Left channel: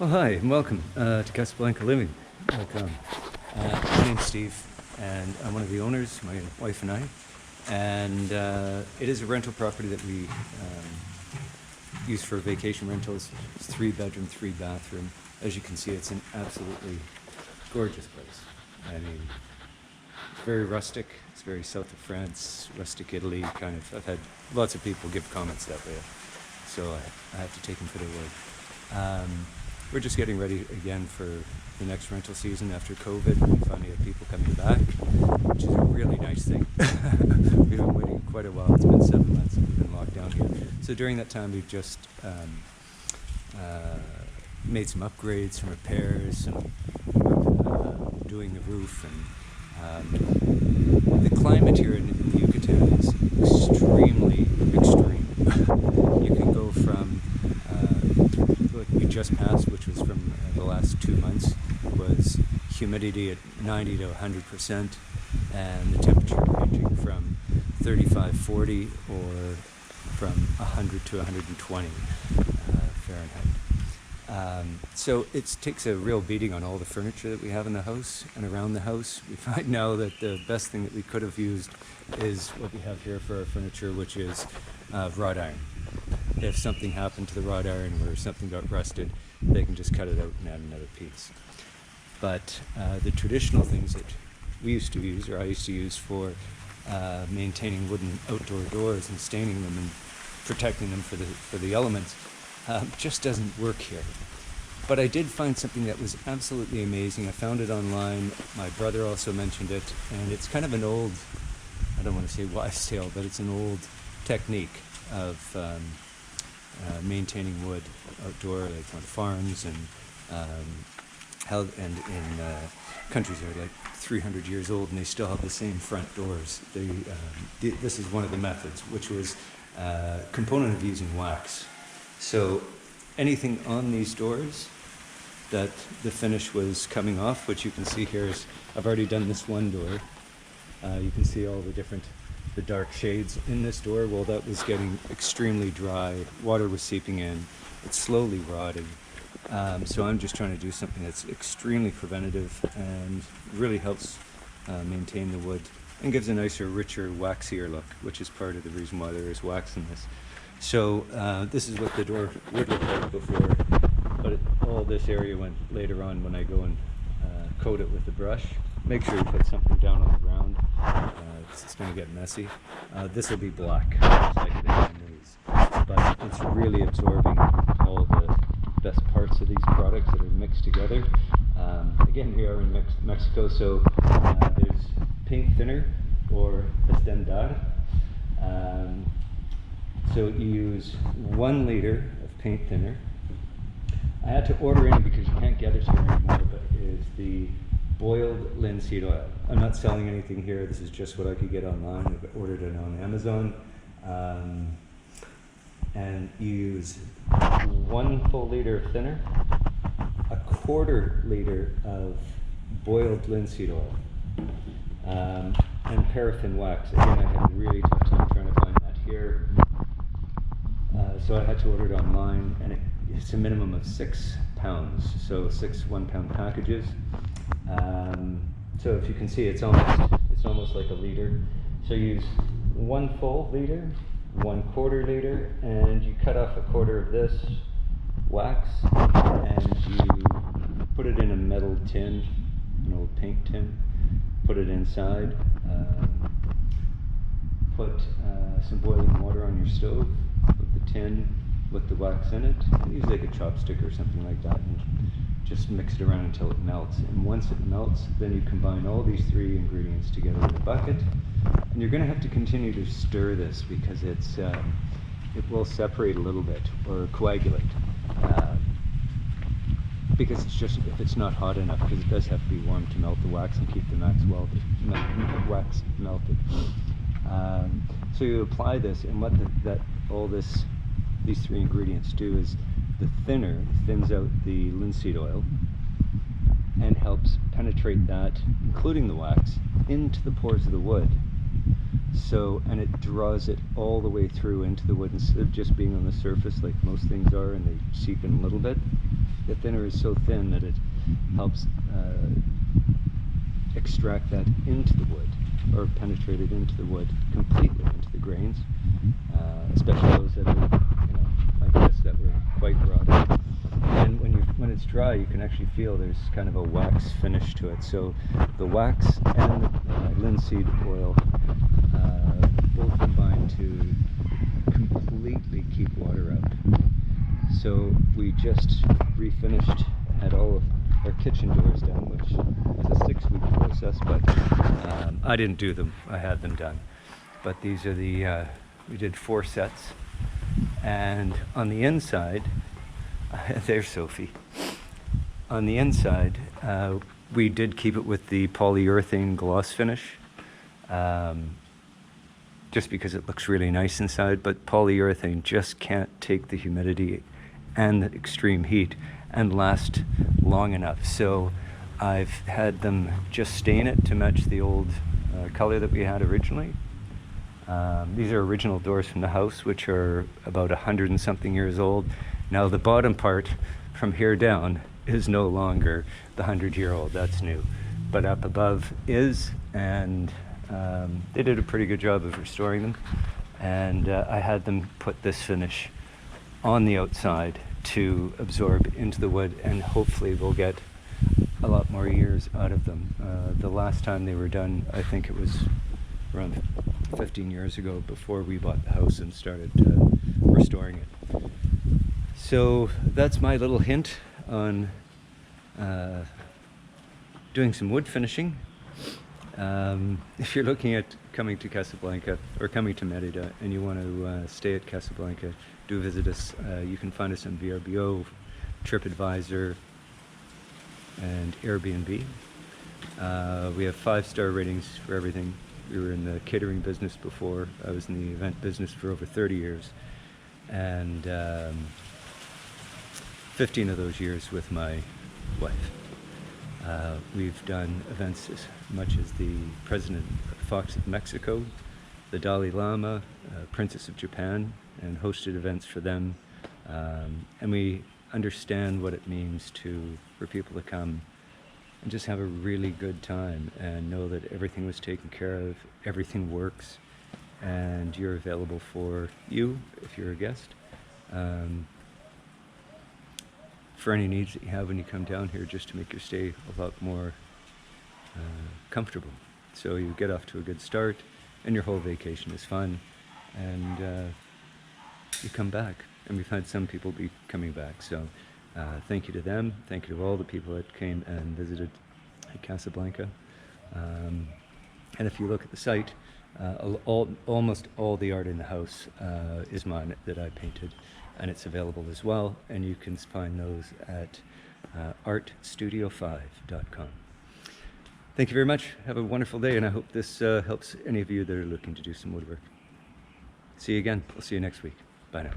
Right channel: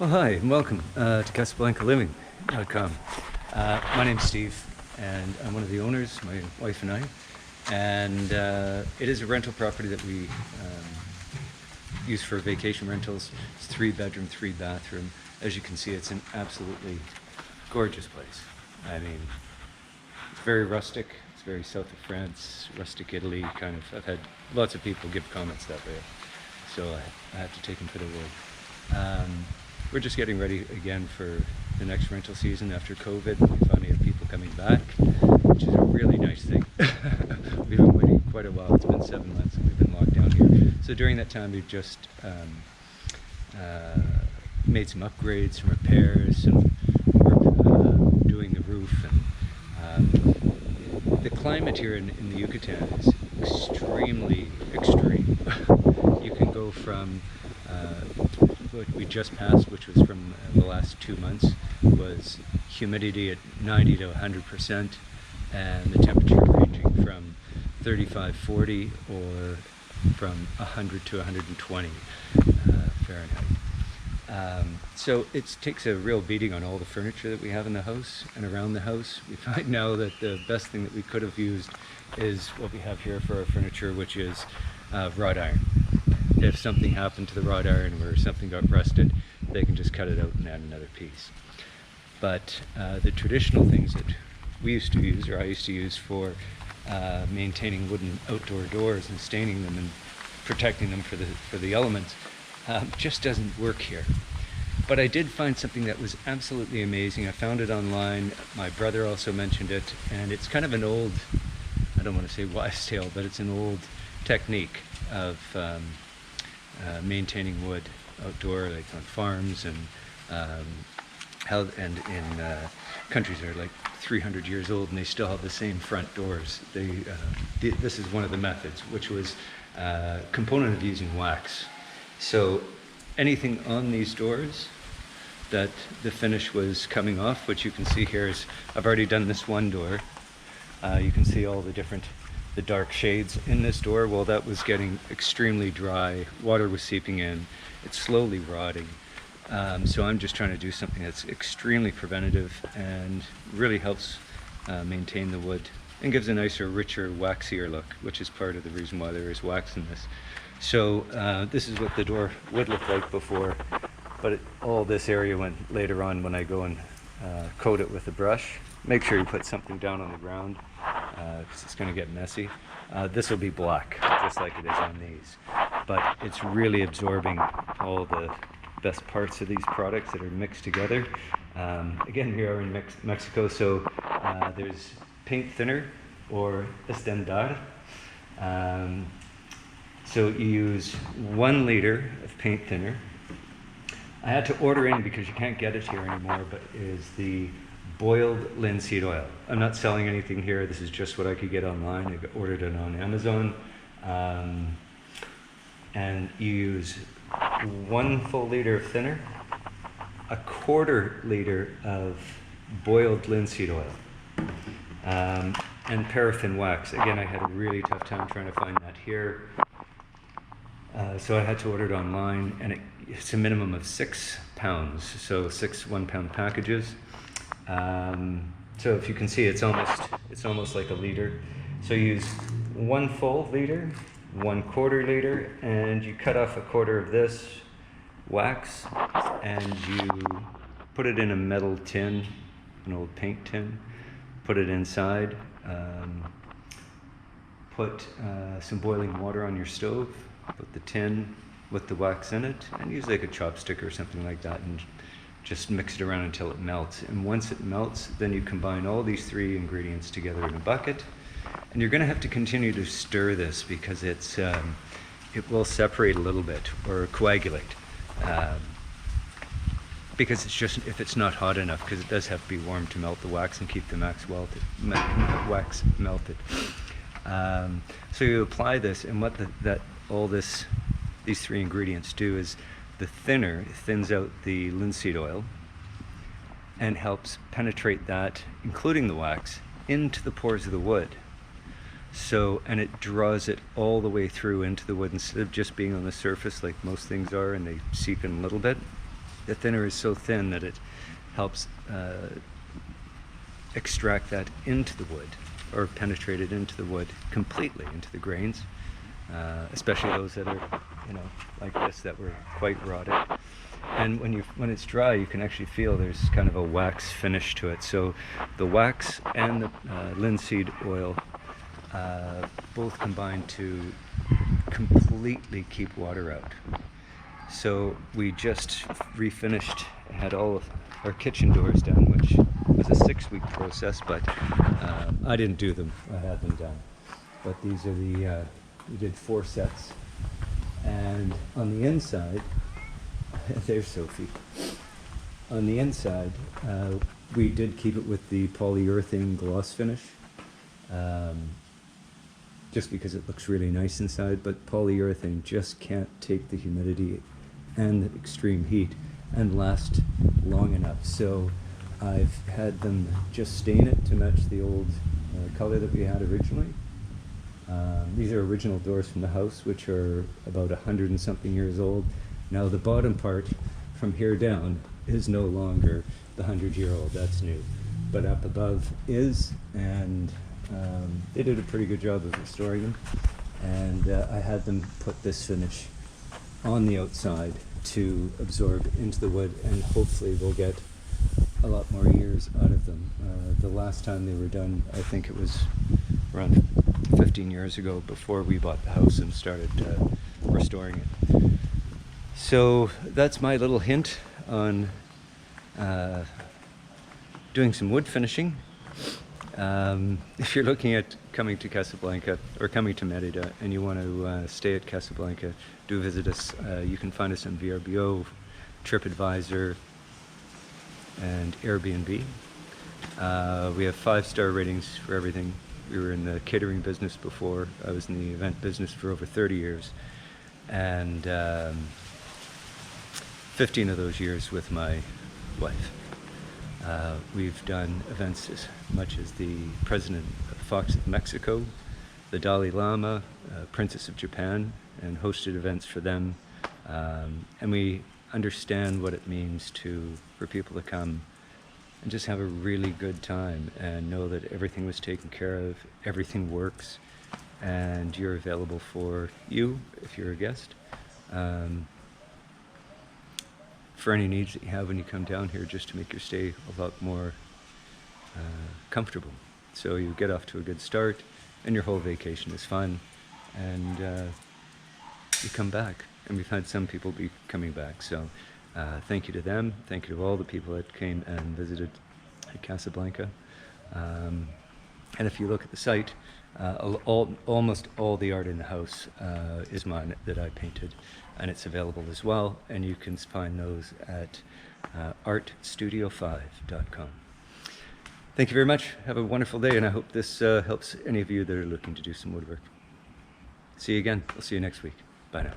Well, hi, and welcome to Casablanca Living. My name's Steve, and I'm one of the owners, my wife and I. And it is a rental property that we use for vacation rentals. It's 3-bedroom, 3-bathroom. As you can see, it's an absolutely gorgeous place. I mean, very rustic. It's very south of France, rustic Italy kind of. I've had lots of people give comments that way, so I have to take them for their word. We're just getting ready again for the next rental season after COVID. We finally have people coming back, which is a really nice thing. We've been waiting quite a while. It's been 7 months and we've been locked down here. So during that time, we've just made some upgrades, some repairs, we're doing the roof. And the climate here in the Yucatan is extremely extreme. You can go from what we just passed, which was from the last 2 months, was humidity at 90 to 100%, and the temperature ranging from 35, 40, or from 100 to 120 Fahrenheit. So it takes a real beating on all the furniture that we have in the house and around the house. We find now that the best thing that we could have used is what we have here for our furniture, which is wrought iron. If something happened to the wrought iron or something got rusted, they can just cut it out and add another piece. But the traditional things that we used to use, or I used to use for maintaining wooden outdoor doors and staining them and protecting them for the elements, just doesn't work here. But I did find something that was absolutely amazing. I found it online. My brother also mentioned it, and it's kind of an old, I don't want to say wives' tale, but it's an old technique of maintaining wood outdoor, like on farms and in countries that are like 300 years old, and they still have the same front doors. This is one of the methods, which was a component of using wax. So anything on these doors that the finish was coming off, which you can see here is, I've already done this one door. You can see all the dark shades in this door. Well, that was getting extremely dry. Water was seeping in. It's slowly rotting. So I'm just trying to do something that's extremely preventative and really helps maintain the wood and gives a nicer, richer, waxier look, which is part of the reason why there is wax in this. So this is what the door would look like before, but all this area went later on when I go and coat it with a brush. Make sure you put something down on the ground, because it's going to get messy. This will be black, just like it is on these. But it's really absorbing all the best parts of these products that are mixed together. Again, we are in Mexico, so there's paint thinner, or estendar. So you use 1 liter of paint thinner. I had to order in, because you can't get it here anymore, but it is the boiled linseed oil. I'm not selling anything here. This is just what I could get online. I ordered it on Amazon. And you use 1 full liter of thinner, 1/4 liter of boiled linseed oil, and paraffin wax. Again, I had a really tough time trying to find that here. So I had to order it online, and it's a minimum of 6 pounds, so 6 1-pound packages. So if you can see, it's almost like a liter. So use 1 full liter, 1/4 liter, and you cut off 1/4 of this wax, and you put it in a metal tin, an old paint tin, put it inside, put some boiling water on your stove, put the tin with the wax in it, and use like a chopstick or something like that, and just mix it around until it melts. And once it melts, then you combine all these 3 ingredients together in a bucket. And you're going to have to continue to stir this, because it will separate a little bit or coagulate. Because it's just, if it's not hot enough, because it does have to be warm to melt the wax and keep the wax melted. So you apply this, and what these 3 ingredients do is the thinner thins out the linseed oil and helps penetrate that, including the wax, into the pores of the wood. So, and it draws it all the way through into the wood, instead of just being on the surface like most things are and they seep in a little bit. the thinner is so thin that it helps extract that into the wood, or penetrate it into the wood completely, into the grains, especially those that are, like this, that were quite rotted. And when it's dry, you can actually feel there's kind of a wax finish to it. So the wax and the linseed oil both combine to completely keep water out. So we just refinished, had all of our kitchen doors done, which was a 6-week process, but I didn't do them, I had them done. But these are we did 4 sets, and on the inside, there's Sophie. On the inside, we did keep it with the polyurethane gloss finish, just because it looks really nice inside, but polyurethane just can't take the humidity and the extreme heat and last long enough. So I've had them just stain it to match the old color that we had originally. These are original doors from the house, which are about 100 and something years old. Now the bottom part from here down is no longer the 100-year-old, that's new. But up above is, and they did a pretty good job of restoring them. And I had them put this finish on the outside to absorb into the wood, and hopefully we'll get a lot more years out of them. The last time they were done, I think it was around 15 years ago, before we bought the house and started restoring it. So that's my little hint on doing some wood finishing. If you're looking at coming to Casablanca or coming to Merida and you want to stay at Casablanca, do visit us. You can find us on VRBO, TripAdvisor, and Airbnb. We have 5-star ratings for everything. We were in the catering business before. I was in the event business for over 30 years. And 15 of those years with my wife. We've done events as much as the President Fox of Mexico, the Dalai Lama, Princess of Japan, and hosted events for them. And we understand what it means for people to come and just have a really good time and know that everything was taken care of, everything works, and you're available for you if you're a guest. For any needs that you have when you come down here, just to make your stay a lot more comfortable. So you get off to a good start, and your whole vacation is fun, and you come back. And we've had some people be coming back. So thank you to them. Thank you to all the people that came and visited Casablanca. And if you look at the site, almost all the art in the house is mine, that I painted, and it's available as well, and you can find those at artstudio5.com. Thank you very much. Have a wonderful day, and I hope this helps any of you that are looking to do some woodwork. See you again. We'll see you next week. Bye now.